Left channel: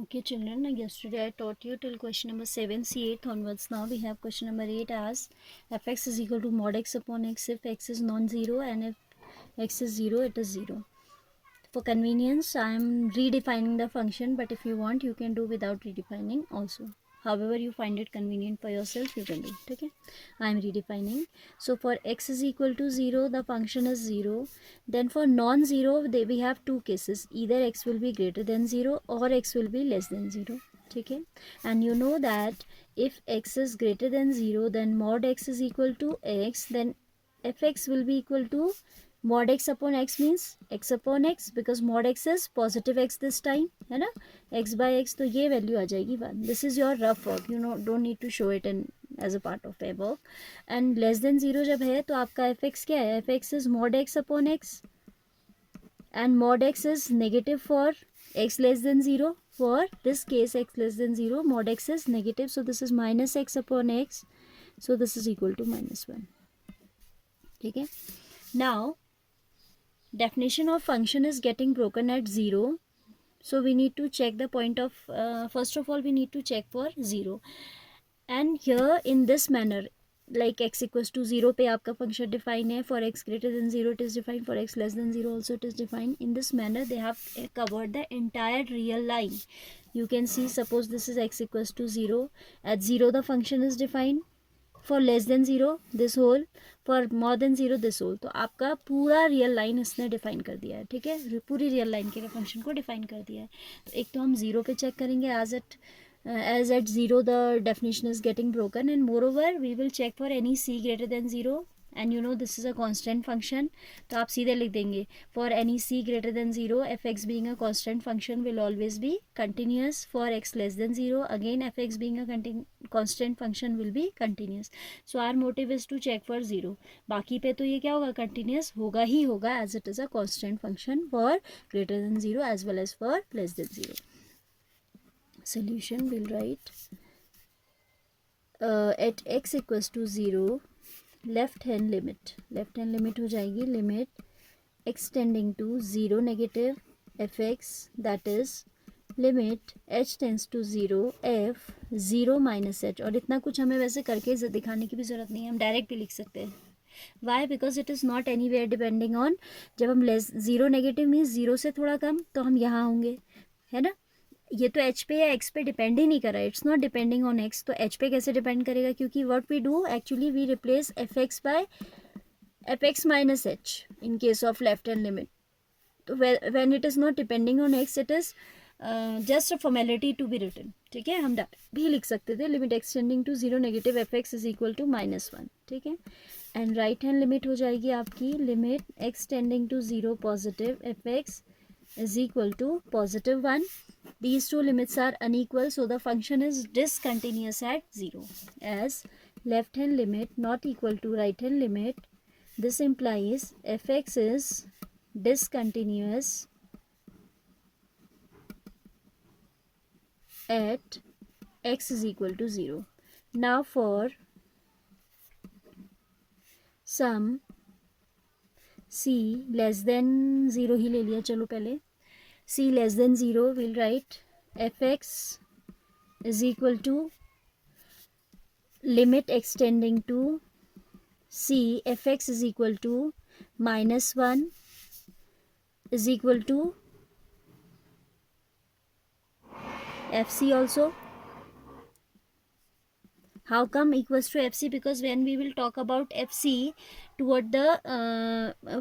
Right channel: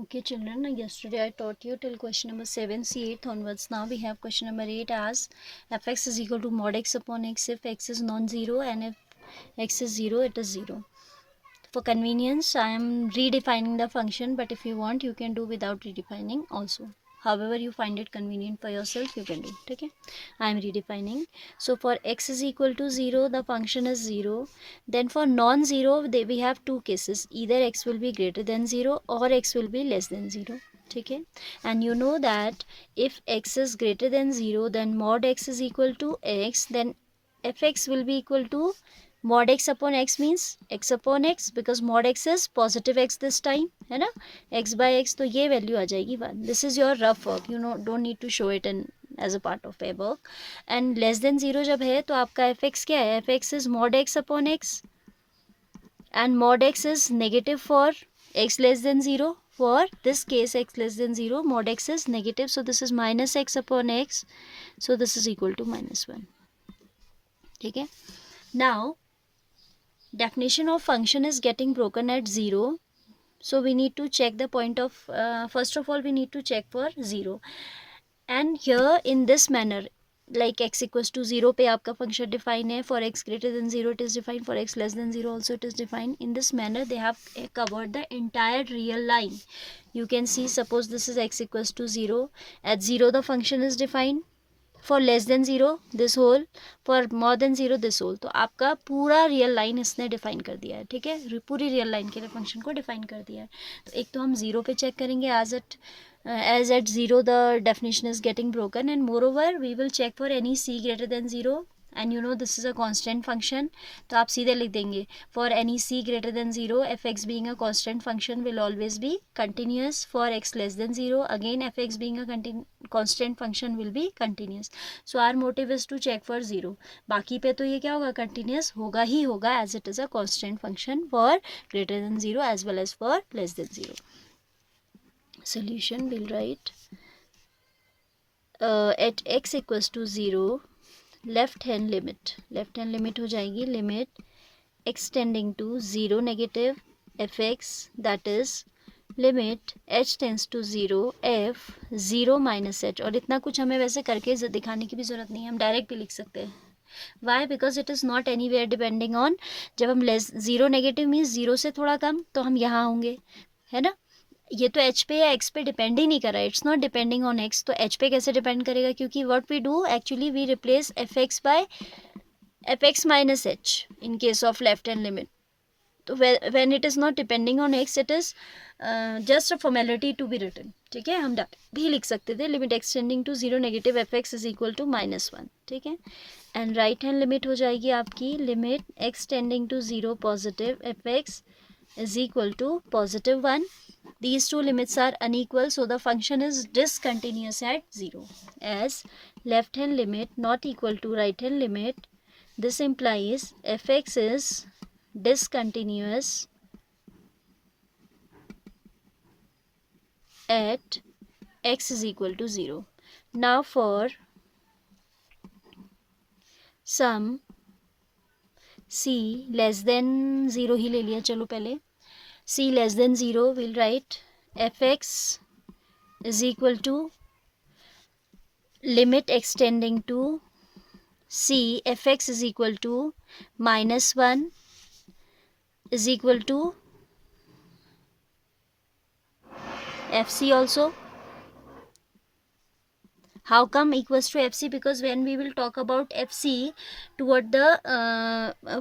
Okay, children, yesterday I taught you till question number 7, see 8th onwards. Now we have question number 8 as fx is equal to mod x upon x if x is non-zero, and if x is 0, it is 0. For convenience, I am redefining the function, but if you want, you can do without redefining also. However you find it convenient for yourself, you can do it. Okay, I am redefining. So for x is equal to 0, the function is 0. Then for non-zero, we have two cases. Either x will be greater than 0 or x will be less than 0. Okay, and you know that if x is greater than 0, then mod x is equal to x, then fx will be equal to mod x upon x means x upon x, because mod x is positive x this time, है ना, x by x, तो ये value आ जाएगी 1. This is your rough work, you know, don't need to show it in as a part of a work. And less than 0 जब है तो आपका एफ एक्स क्या है, f x is mod x upon x, and mod x is negative for x less than 0. For this case x less than 0, mod x is negative, so this is minus x upon x, so this is equal to -1. ठीक है. Now definition of function is getting broken at 0, so we need to check the point of first of all we need to check for 0, and here in this manner, like x equals to 0 पे आपका function define है, for x greater than 0 it is defined, for x less than 0 also it is defined. In this manner they have covered the entire real line. You can see, suppose this is x equals to 0, at 0 the function is defined, for less than zero this whole, for more than zero this whole. तो आपका पूरा real line इसने define कर दिया है. ठीक है, पूरी रियल लाइन के लिए फंक्शन को डिफाइन कर दिया है. तो एक तो हम ज़ीरो पे चेक करेंगे, as at 0 the definition is getting broken, and moreover we will check for any c greater than 0, and you know this is a constant function, तो आप सीधे लिख देंगे for any c greater than 0 fx being a constant function will always be continuous, for x less than 0 again fx being a constant function will be continuous. So our motive is to check for 0. बाकी पे तो ये क्या होगा, continuous होगा ही होगा, as it is a constant function for greater than 0 as well as for less than 0. Solution will write at x equals to 0, left hand limit हो जाएगी limit extending to 0 negative f x, that is limit h tends to 0 f 0 minus h. और इतना कुछ हमें वैसे करके दिखाने की भी ज़रूरत नहीं है, हम डायरेक्ट भी लिख सकते हैं. Why, because it is not anywhere depending on, जब हम लेस 0 नेगेटिव मीन्स 0 से थोड़ा कम, तो हम यहाँ होंगे, है ना. ये तो एच पे या एक्स पे डिपेंड ही नहीं कर रहा है, it's not depending on x, तो एच पे कैसे डिपेंड करेगा, क्योंकि what we do actually we replace f x by f x minus h in case of left hand limit. तो when it is not depending on x, it is just a formality to be written. ठीक है, हम भी लिख सकते थे limit extending to 0 negative f x is equal to -1. ठीक है, एंड राइट हैंड लिमिट हो जाएगी आपकी limit extending to 0 positive f x is equal to +1. These two limits are unequal, so the function is discontinuous at 0. As left hand limit not equal to right hand limit, this implies fx is discontinuous at x is equal to 0. Now for some c less than 0 ही ले लिया, चलो पहले c less than 0 we'll write fx is equal to limit extending to c fx is equal to -1 is equal to fc also. How come equals to fc? Because when we will talk about fc toward the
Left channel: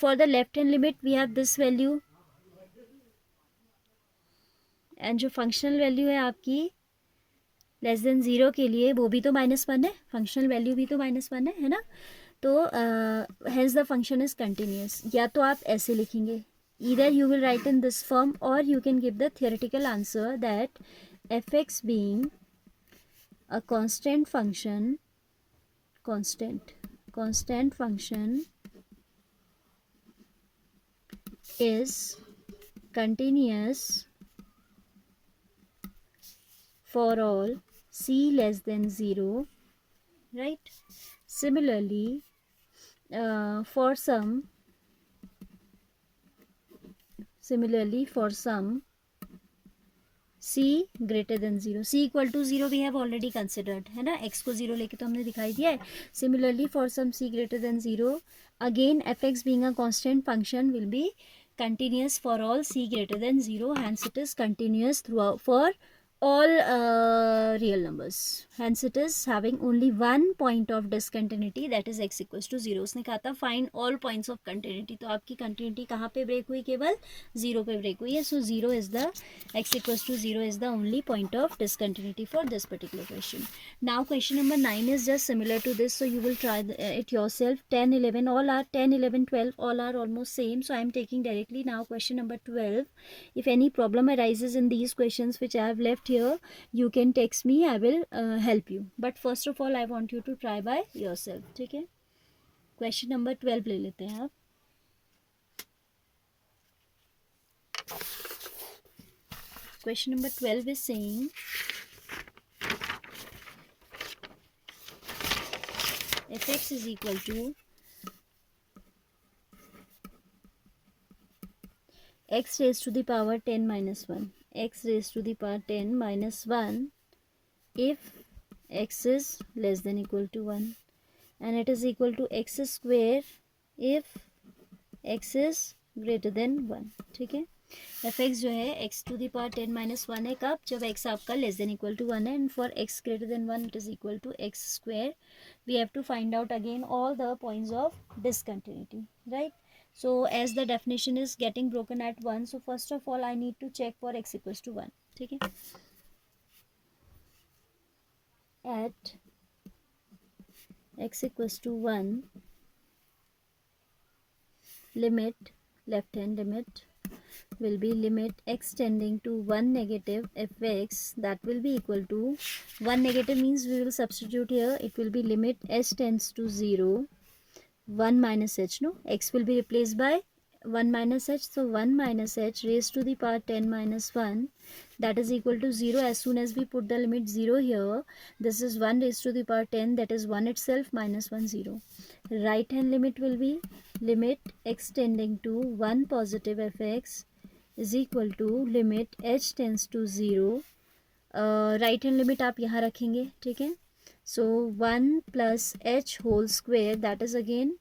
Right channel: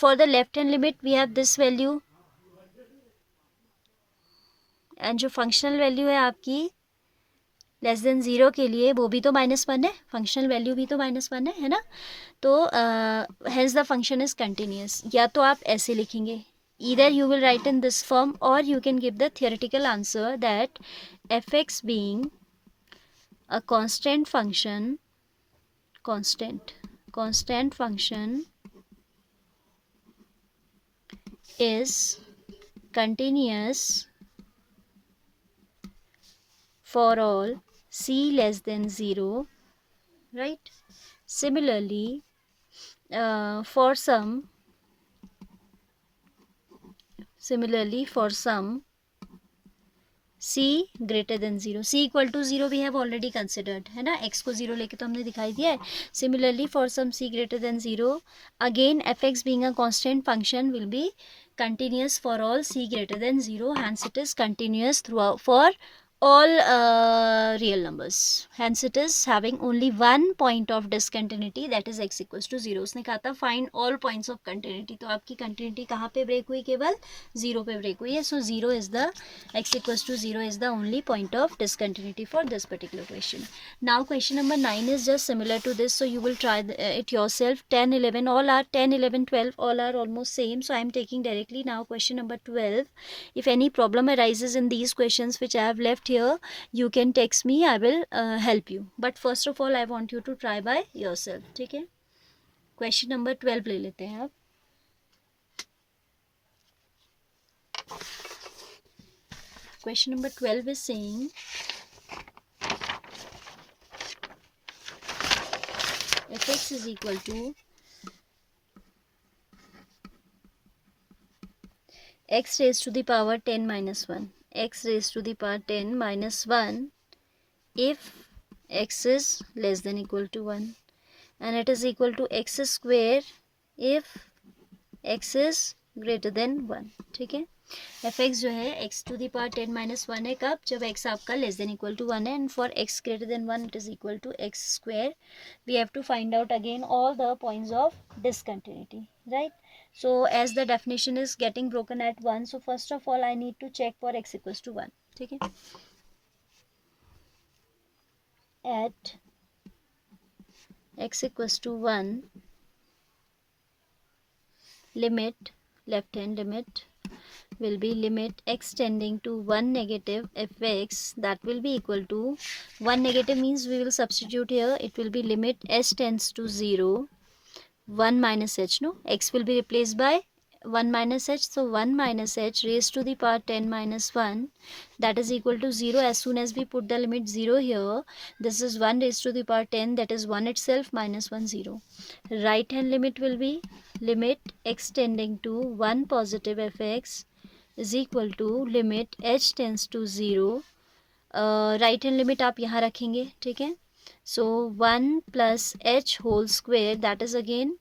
for the left hand limit we have this value, and जो functional value है आपकी less than 0 के लिए वो भी तो -1 है, functional value भी तो -1 है ना. तो hence the function is continuous. या तो आप ऐसे लिखेंगे, either you will write in this form, or you can give the theoretical answer that fx being a constant function is continuous for all c less than 0, right? Similarly, for some c greater than 0, c equal to 0 we have already considered है ना, x को 0 लेके तो हमने दिखाई दिया है. Similarly for some c greater than 0, again fx being a constant function will be continuous for all c greater than 0, hence it is continuous throughout for all real numbers, hence it is having only one point of discontinuity, that is x equals to 0. उसने कहा था find all points of continuity, तो आपकी continuity कहाँ पे break हुई, केवल 0 पे ब्रेक हुई है. so 0 is the x equals to 0 is the only point of discontinuity for this particular question. Now question number 9 is just similar to this, so you will try it yourself. 10 11 all are 10 11 12 all are almost same, so I am taking directly now question number 12. If any problem arises in these questions which I have left here, you can text me, I will help you, but first of all I want you to try by yourself. ठीक है, question number 12 ले लेते हैं आप. Question number 12 is saying fx is equal to x raised to the power 10 minus 1, x raised to the power 10 minus 1 if x is less than equal to 1, and it is equal to x square if x is greater than 1. ठीक है, fx जो है x to the power 10 minus 1 है कब, जब x आपका less than equal to 1 है, and for x greater than 1 it is equal to x square. We have to find out again all the points of discontinuity, right? So as the definition is getting broken at 1, so first of all I need to check for x equals to 1. ठीक है, at x equals to 1, limit, left hand limit will be limit x tending to 1 negative fx, that will be equal to 1 negative means we will substitute here, it will be limit s tends to 0 1 minus h, no, x will be replaced by 1 minus h, so 1 minus h raised to the power 10 minus 1, that is equal to 0. As soon as we put the limit 0 here, this is 1 raised to the power 10, that is 1 itself, minus 1 0. Right hand limit will be limit x tending to 1 positive fx is equal to limit h tends to 0. Right hand limit आप यहाँ रखेंगे. ठीक है, so 1 plus h whole square, that is again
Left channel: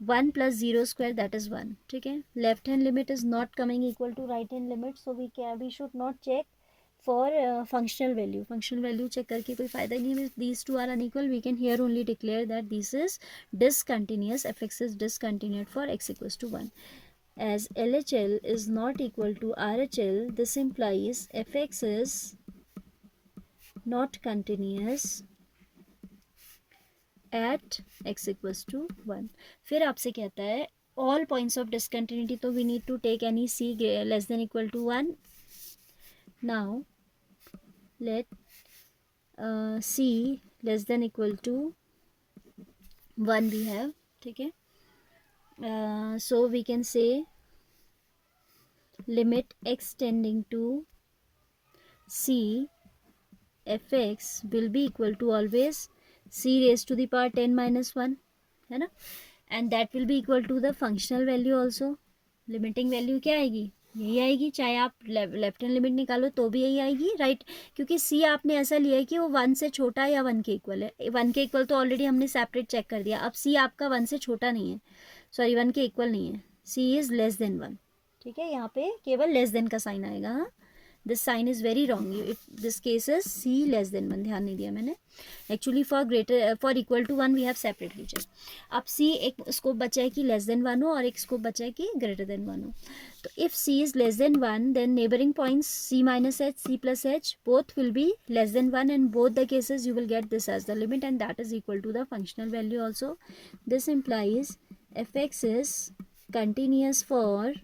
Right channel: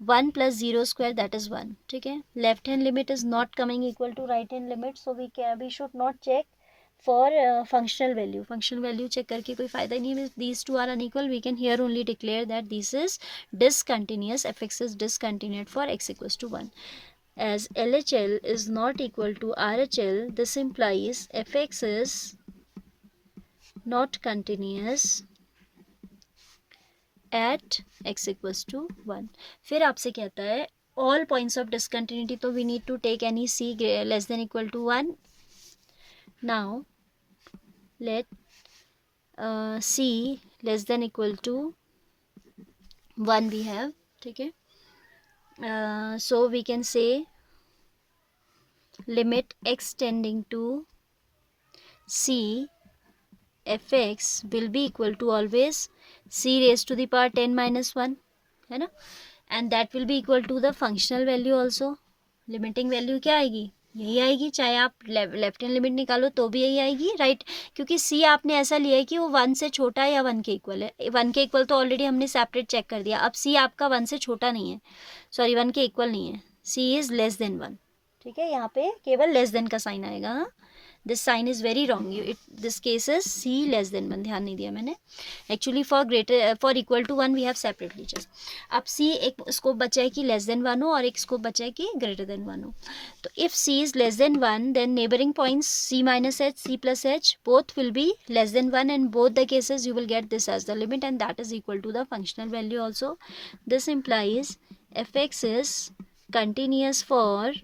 1 plus 0 square, that is 1. ठीक है, left hand limit is not coming equal to right hand limit, so we should not check for functional value. Functional value check करके कोई फायदा नहीं है. These two are unequal, we can here only declare that this is discontinuous, fx is discontinued for x equals to 1. As LHL is not equal to RHL, this implies fx is not continuous at x equals to 1. फिर आपसे कहता है all points of discontinuity, तो we need to take any c less than equal to 1. Now let c less than equal to 1 we have. ठीक है, so we can say limit x tending to c fx will be equal to always c raised to the power 10 minus 1, है ना, and that will be equal to the functional value also. Limiting value क्या आएगी, यही आएगी, चाहे आप left hand limit निकालो तो भी यही आएगी, राइट? क्योंकि सी आपने ऐसा लिया है कि वो 1 से छोटा है या 1 के इक्वल है. 1 के इक्वल तो ऑलरेडी हमने सेपरेट चेक कर दिया. अब सी आपका 1 से छोटा नहीं है, सॉरी 1 के इक्वल नहीं है, सी इज़ लेस देन 1. ठीक है, यहाँ पे केवल लेस देन का साइन आएगा. हाँ, this sign is very wrong, this case is C less than 1, ध्यान नहीं दिया मैंने. Actually for equal to 1 we have separately check. अब सी एक स्कोप बचा है कि लेस देन 1 हो और एक स्कोप बचा है कि ग्रेटर देन 1 हो. तो if c is less than 1 then neighbouring points c minus h, c plus h, both will be less than 1 and both the cases you will get this as the limit and that is equal to the functional value also. This implies f x is continuous for,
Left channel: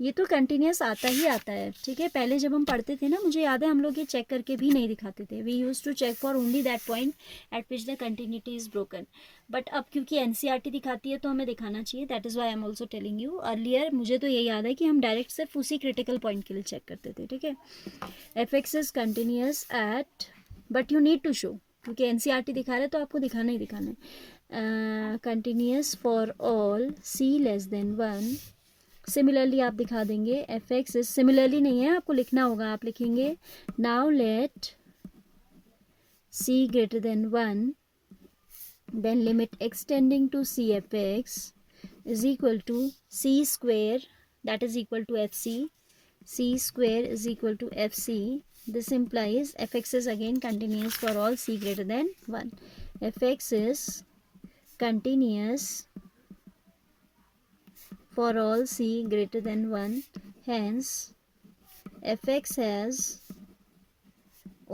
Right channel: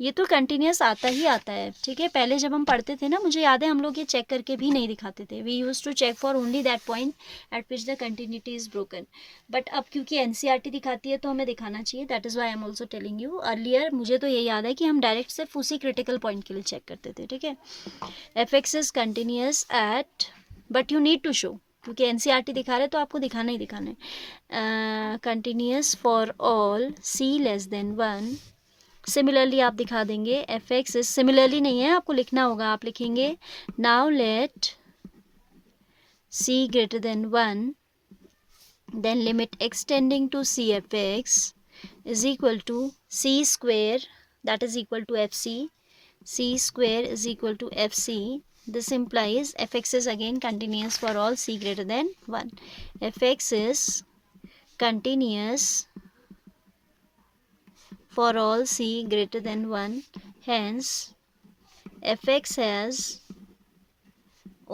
ये तो continuous आता ही आता है. ठीक है, पहले जब हम पढ़ते थे ना, मुझे याद है हम लोग ये चेक करके भी नहीं दिखाते थे. We use to check for only that point at which the continuity is broken. But अब क्योंकि एनसीईआरटी दिखाती है तो हमें दिखाना चाहिए. That is why I am also telling you. Earlier मुझे तो ये याद है कि हम डायरेक्ट सिर्फ उसी क्रिटिकल पॉइंट के लिए चेक करते थे. ठीक है, f x is continuous at, but you need to show, क्योंकि एनसीईआरटी दिखा रहे तो आपको दिखाना ही दिखाना है. Continuous for all c less than 1 similarly आप दिखा देंगे एफ एक्स इज, सिमिलरली नहीं है आपको लिखना होगा, आप लिखेंगे now let c greater than 1, then limit x tending to c f x is equal to c square, that is equal to fc, c square is equal to fc. This implies fx is again continuous for all c greater than 1. Fx is continuous for all c greater than 1, hence fx has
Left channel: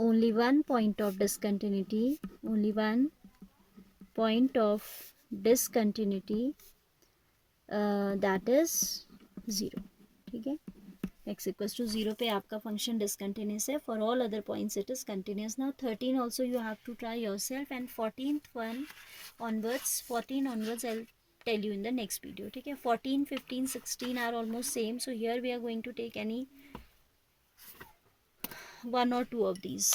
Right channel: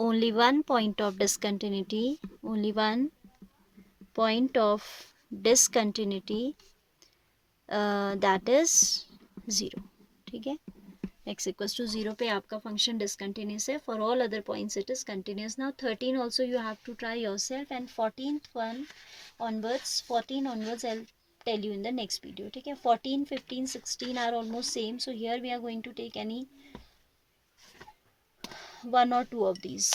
only one point of discontinuity, only one point of discontinuity, that is 0. ठीक है, x equals to 0 पे आपका function discontinuous है, for all other points it is continuous. Now 13 also you have to try yourself, and 14th one onwards, 14 onwards I'll tell you in the next video. ठीक है, 14, 15, 16 are almost same, so here we are going to take any one or two of these.